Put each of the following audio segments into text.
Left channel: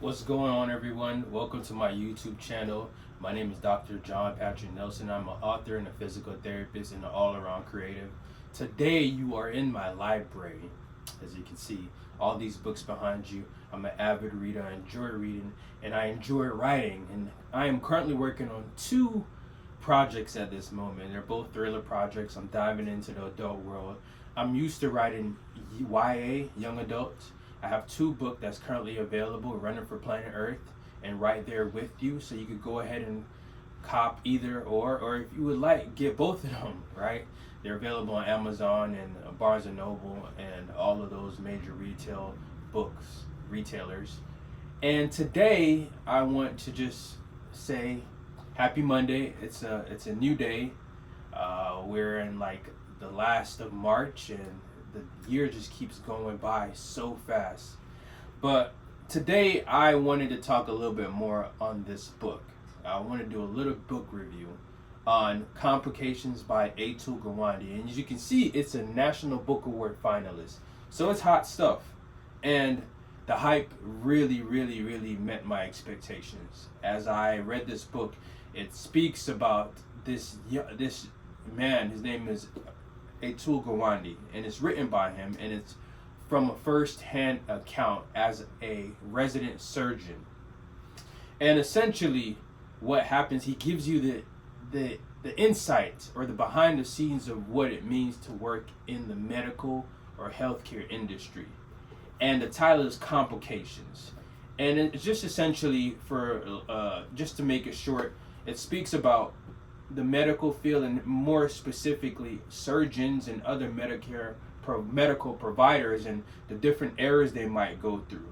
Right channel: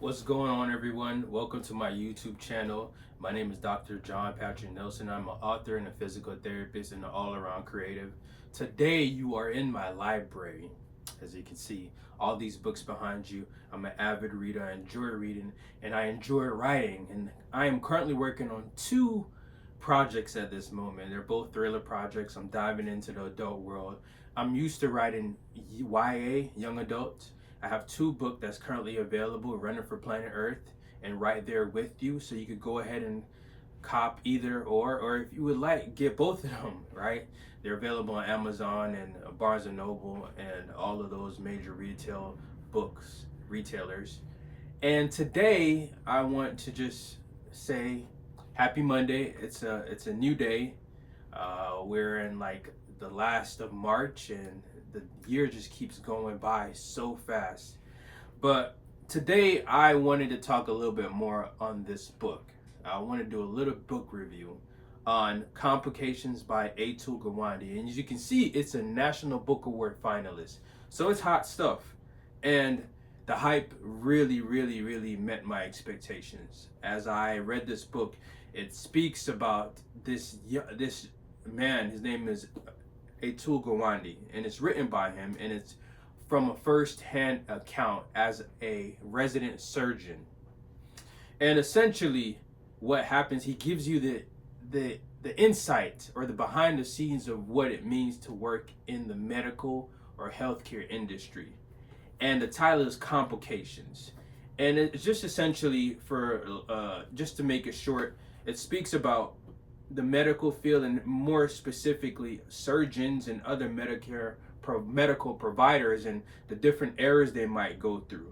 What's going on, everyone? Welcome to my YouTube channel. My name is Dr. Jon-Patric Nelson. I'm an author and a physical therapist and an all-around creative. Today, you are in my library. As you can see, all these books behind you. I'm an avid reader. I enjoy reading and I enjoy writing. And I am currently working on two projects at this moment. They're both thriller projects. I'm diving into the adult world. I'm used to writing YA, young adults. I have two books that's currently available, Running for Planet Earth and Right There With You. So you could go ahead and cop either or if you would like, get both of them, right? They're available on Amazon and Barnes and Noble and all of those major retailers. And today I want to just say happy Monday. It's a new day. We're in like the last of March and the year just keeps going by so fast. But today I wanted to talk a little bit more on this book. I want to do a little book review on Complications by Atul Gawande. And as you can see, it's a National Book Award finalist. So it's hot stuff. And the hype really met my expectations. As I read this book, it speaks about this man. His name is Atul Gawande, and it's written by him, and it's from a first-hand account as a resident surgeon. And essentially, what happens, he gives you the insight or the behind the scenes of what it means to work in the medical or healthcare industry. And the title is Complications. And it's just essentially for, just to make it short, it speaks about the medical field and more specifically surgeons and other medical providers and the different errors they might go through.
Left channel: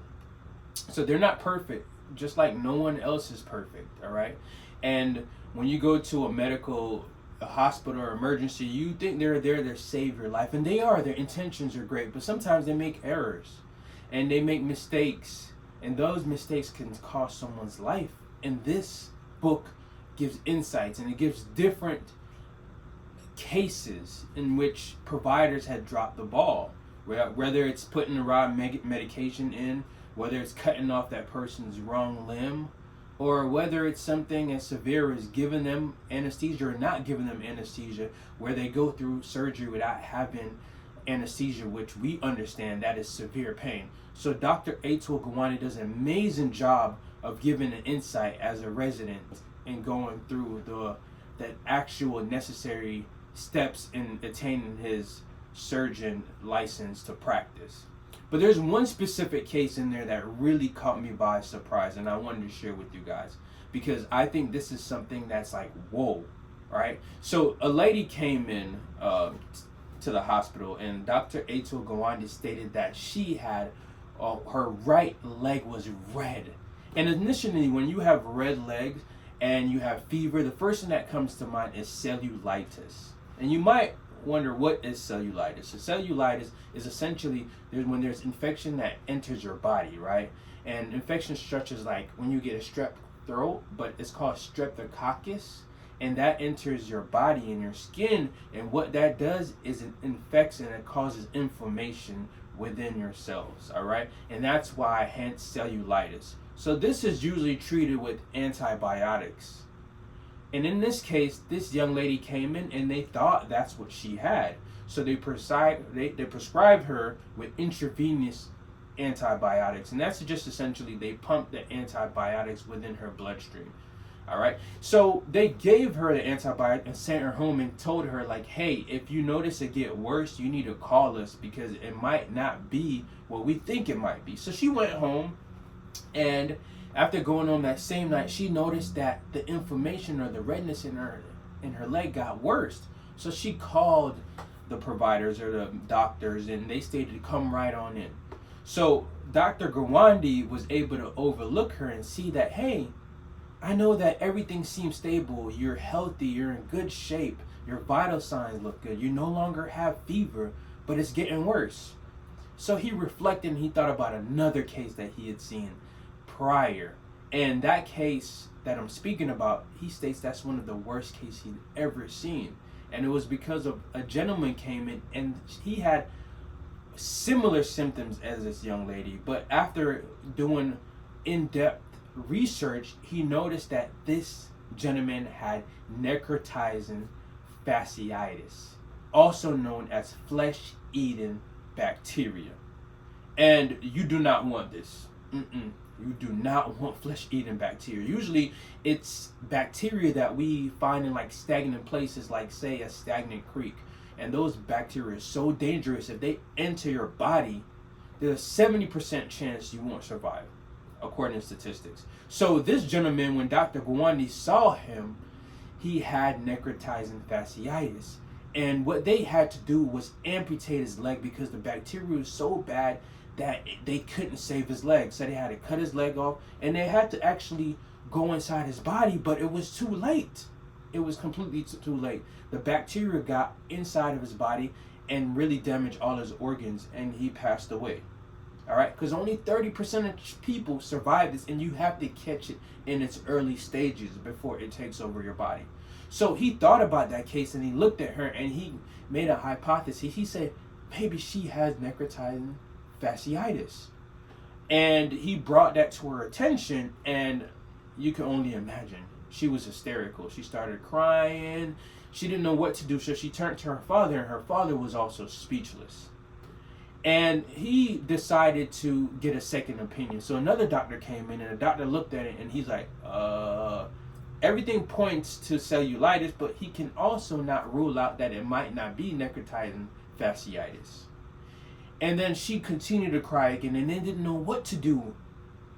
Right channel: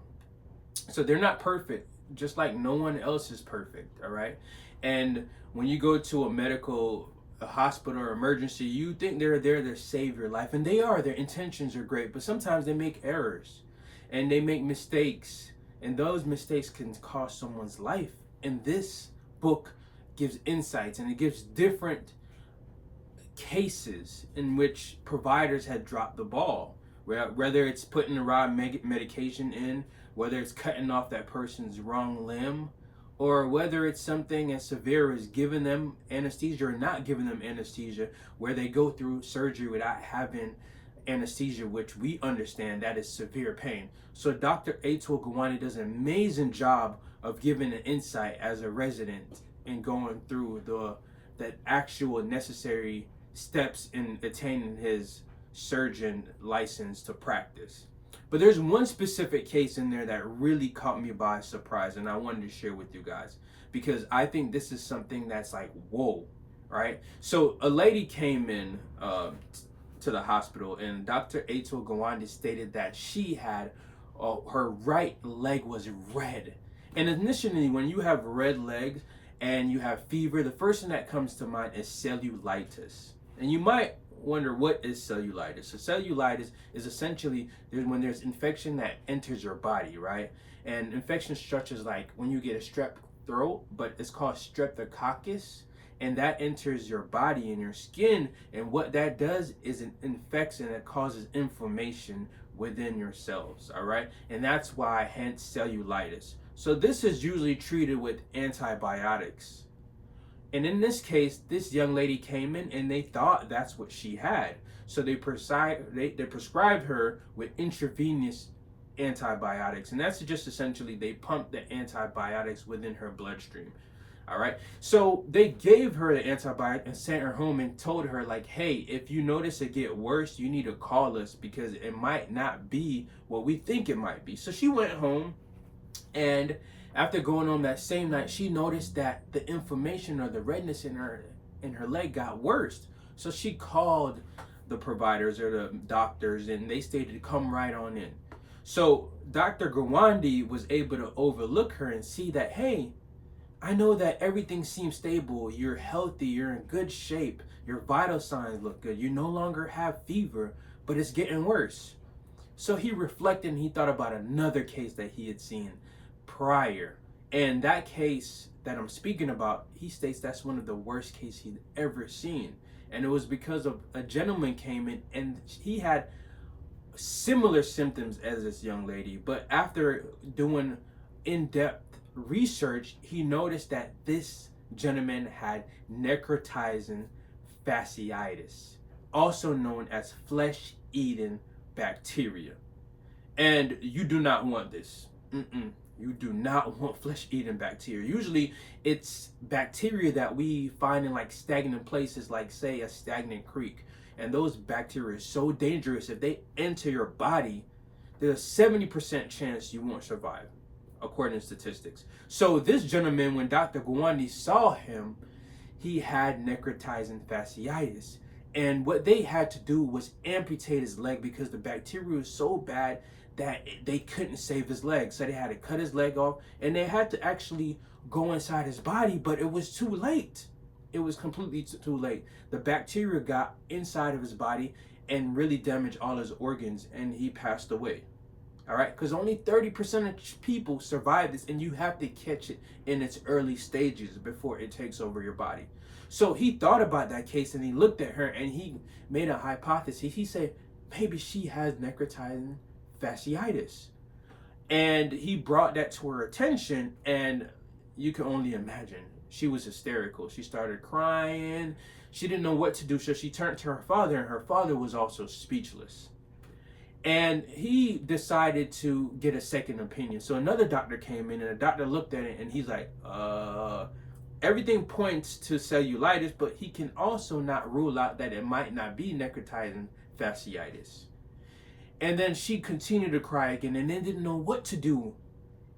So they're not perfect, just like no one else is perfect, all right? And when you go to a hospital or emergency, you think they're there to save your life, and they are. Their intentions are great, but sometimes they make errors and they make mistakes, and those mistakes can cost someone's life. And this book gives insights, and it gives different cases in which providers had dropped the ball, whether it's putting the wrong medication in, whether it's cutting off that person's wrong limb, or whether it's something as severe as giving them anesthesia or not giving them anesthesia, where they go through surgery without having anesthesia, which we understand that is severe pain. So Dr. Atul Gawande does an amazing job of giving an insight as a resident and going through that actual necessary steps in attaining his surgeon license to practice. But there's one specific case in there that really caught me by surprise, and I wanted to share with you guys because I think this is something that's like, whoa, right? So a lady came in to the hospital, and Dr. Atul Gawande stated that she had her right leg was red. And initially, when you have red legs and you have fever, the first thing that comes to mind is cellulitis. And you might wonder, what is cellulitis? So cellulitis is essentially when there's infection that enters your body, right? And infection structures like when you get a strep throat, but it's called streptococcus, and that enters your body and your skin, and what that does is it infects and it causes inflammation within your cells, all right? And that's why, hence cellulitis. So this is usually treated with antibiotics. And in this case, this young lady came in and they thought that's what she had. So they prescribed her with intravenous antibiotics. And that's just essentially, they pump the antibiotics within her bloodstream. All right. So they gave her the antibiotic and sent her home and told her, like, hey, if you notice it get worse, you need to call us because it might not be what we think it might be. So she went home, and after going home that same night, she noticed that the inflammation or the redness in her leg got worse. So she called the providers or the doctors, and they stated to come right on in. So Dr. Gawande was able to overlook her and see that, hey, I know that everything seems stable. You're healthy. You're in good shape. Your vital signs look good. You no longer have fever, but it's getting worse. So he reflected and he thought about another case that he had seen prior. And that case that I'm speaking about, he states that's one of the worst cases he'd ever seen. And it was because of a gentleman came in and he had similar symptoms as this young lady, but after doing in-depth research, he noticed that this gentleman had necrotizing fasciitis, also known as flesh-eating bacteria. And you do not want this. You do not want flesh-eating bacteria. Usually, it's bacteria that we find in like stagnant places, like say a stagnant creek. And those bacteria are so dangerous. If they enter your body, there's a 70% chance you won't survive, according to statistics. So this gentleman, when Dr. Gawande saw him, he had necrotizing fasciitis. And what they had to do was amputate his leg because the bacteria was so bad that they couldn't save his leg. So they had to cut his leg off, and they had to actually go inside his body, but it was too late. It was completely too late. The bacteria got inside of his body and really damaged all his organs, and he passed away. All right, because only 30% of people survive this, and you have to catch it in its early stages before it takes over your body. So he thought about that case, and he looked at her, and he made a hypothesis. He said, maybe she has necrotizing fasciitis. And he brought that to her attention, and you can only imagine. She was hysterical. She started crying. She didn't know what to do, so she turned to her father, and her father was also speechless. And he decided to get a second opinion. So another doctor came in, and the doctor looked at it, and he's like, everything points to cellulitis, but he can also not rule out that it might not be necrotizing fasciitis. And then she continued to cry again, and they didn't know what to do.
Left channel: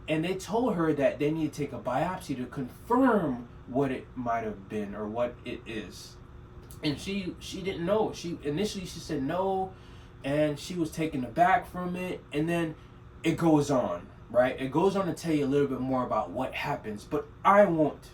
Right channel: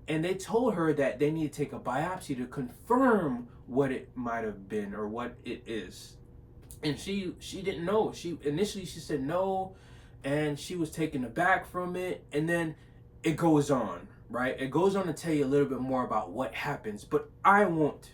And they told her that they need to take a biopsy to confirm what it might have been or what it is. And she didn't know. Initially she said no, and she was taken aback from it. And then it goes on, right? It goes on to tell you a little bit more about what happens, but I won't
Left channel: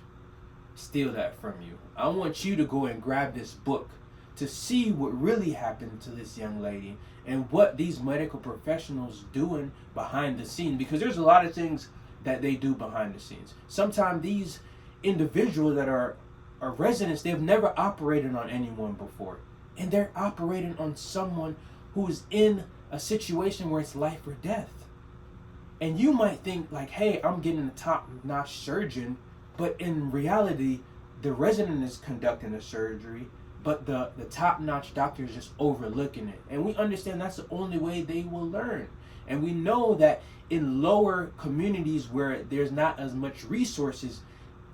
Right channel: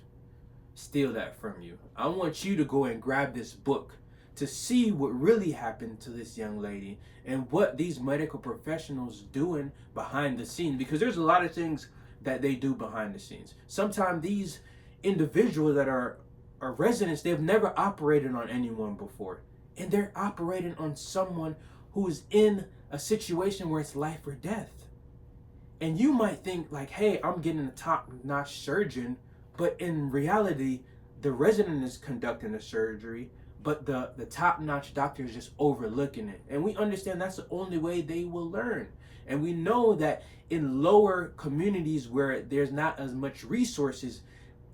steal that from you. I want you to go and grab this book to see what really happened to this young lady and what these medical professionals doing behind the scenes, because there's a lot of things that they do behind the scenes. Sometimes these individuals that are residents, they've never operated on anyone before, and they're operating on someone who is in a situation where it's life or death. And you might think like, hey, I'm getting a top-notch surgeon, but in reality, the resident is conducting the surgery, but the top-notch doctor is just overlooking it. And we understand that's the only way they will learn. And we know that in lower communities where there's not as much resources,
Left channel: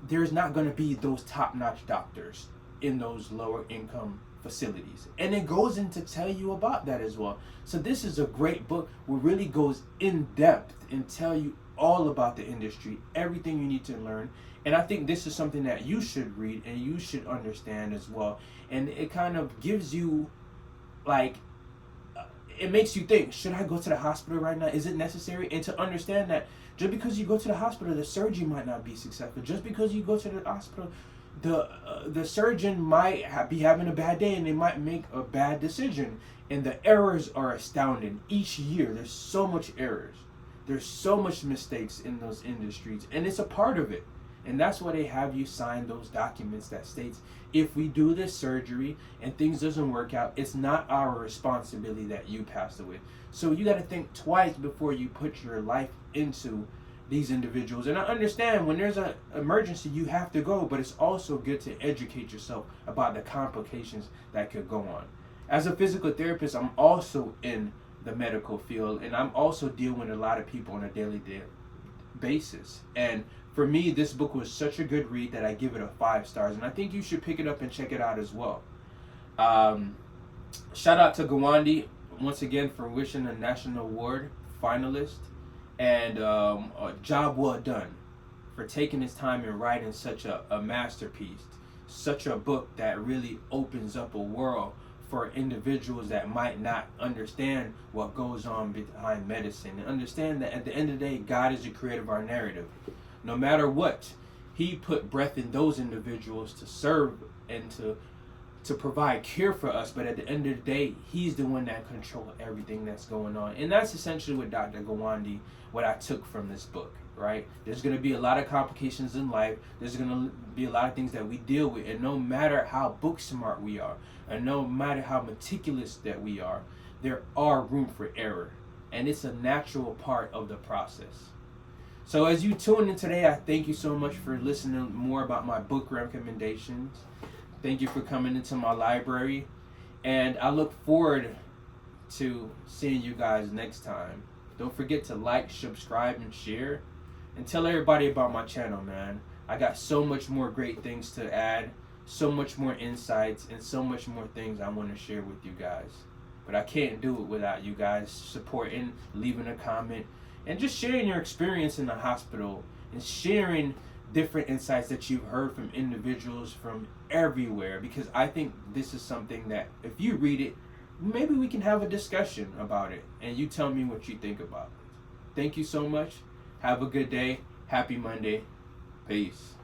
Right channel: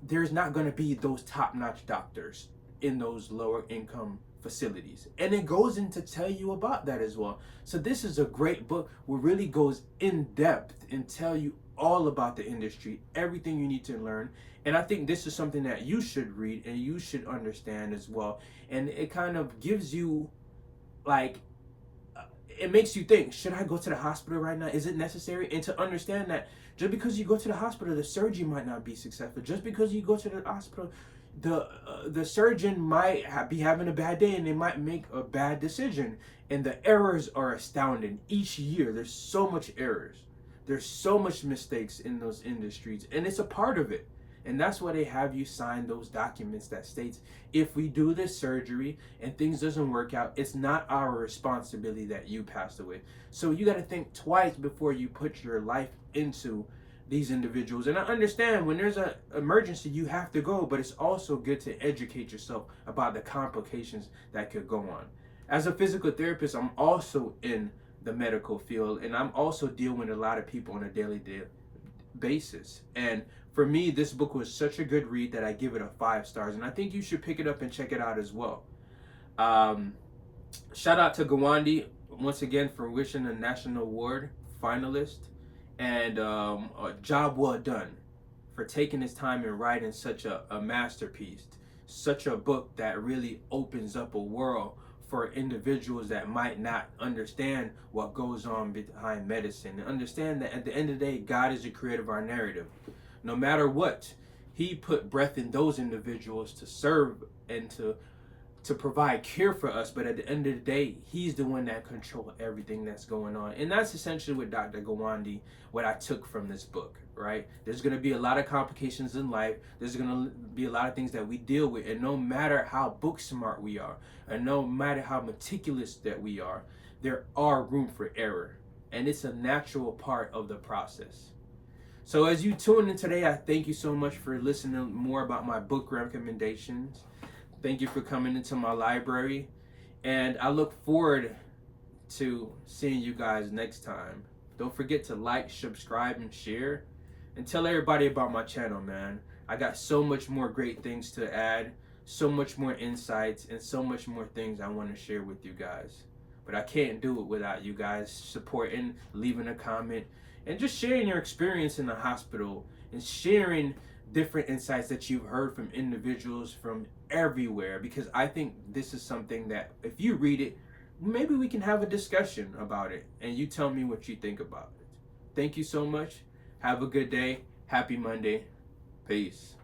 there's not going to be those top-notch doctors in those lower income facilities. And it goes in to tell you about that as well. So this is a great book which really goes in depth and tell you all about the industry, everything you need to learn. And I think this is something that you should read and you should understand as well. And it kind of gives you, like, it makes you think, should I go to the hospital right now? Is it necessary? And to understand that just because you go to the hospital, the surgery might not be successful. Just because you go to the hospital, the surgeon might be having a bad day and they might make a bad decision. And the errors are astounding. Each year, there's so much errors. There's so much mistakes in those industries, and it's a part of it. And that's why they have you sign those documents that states, if we do this surgery and things doesn't work out, it's not our responsibility that you passed away. So you got to think twice before you put your life into these individuals. And I understand when there's an emergency, you have to go, but it's also good to educate yourself about the complications that could go on. As a physical therapist, I'm also in the medical field, and I'm also dealing with a lot of people on a daily basis. And for me, this book was such a good read that I give it a 5 stars, and I think you should pick it up and check it out as well. Shout out to Gawande once again for wishing a national award finalist, and a job well done for taking his time and writing such a masterpiece, such a book that really opens up a world for individuals that might not understand what goes on behind medicine, and understand that at the end of the day, God is the creator of our narrative. No matter what, he put breath in those individuals to serve and to provide care for us. But at the end of the day, he's the one that controls everything that's going on. And that's essentially what Dr. Gawande, what I took from this book, right? There's going to be a lot of complications in life. There's going to be a lot of things that we deal with. And no matter how book smart we are, and no matter how meticulous that we are, there are room for error. And it's a natural part of the process. So as you tune in today, I thank you so much for listening more about my book recommendations. Thank you for coming into my library. And I look forward to seeing you guys next time. Don't forget to like, subscribe, and share. And tell everybody about my channel, man. I got so much more great things to add, so much more insights, and so much more things I want to share with you guys. But I can't do it without you guys supporting, leaving a comment, and just sharing your experience in the hospital and sharing different insights that you've heard from individuals from everywhere, because I think this is something that if you read it, maybe we can have a discussion about it and you tell me what you think about it. Thank you so much. Have a good day. Happy Monday. Peace.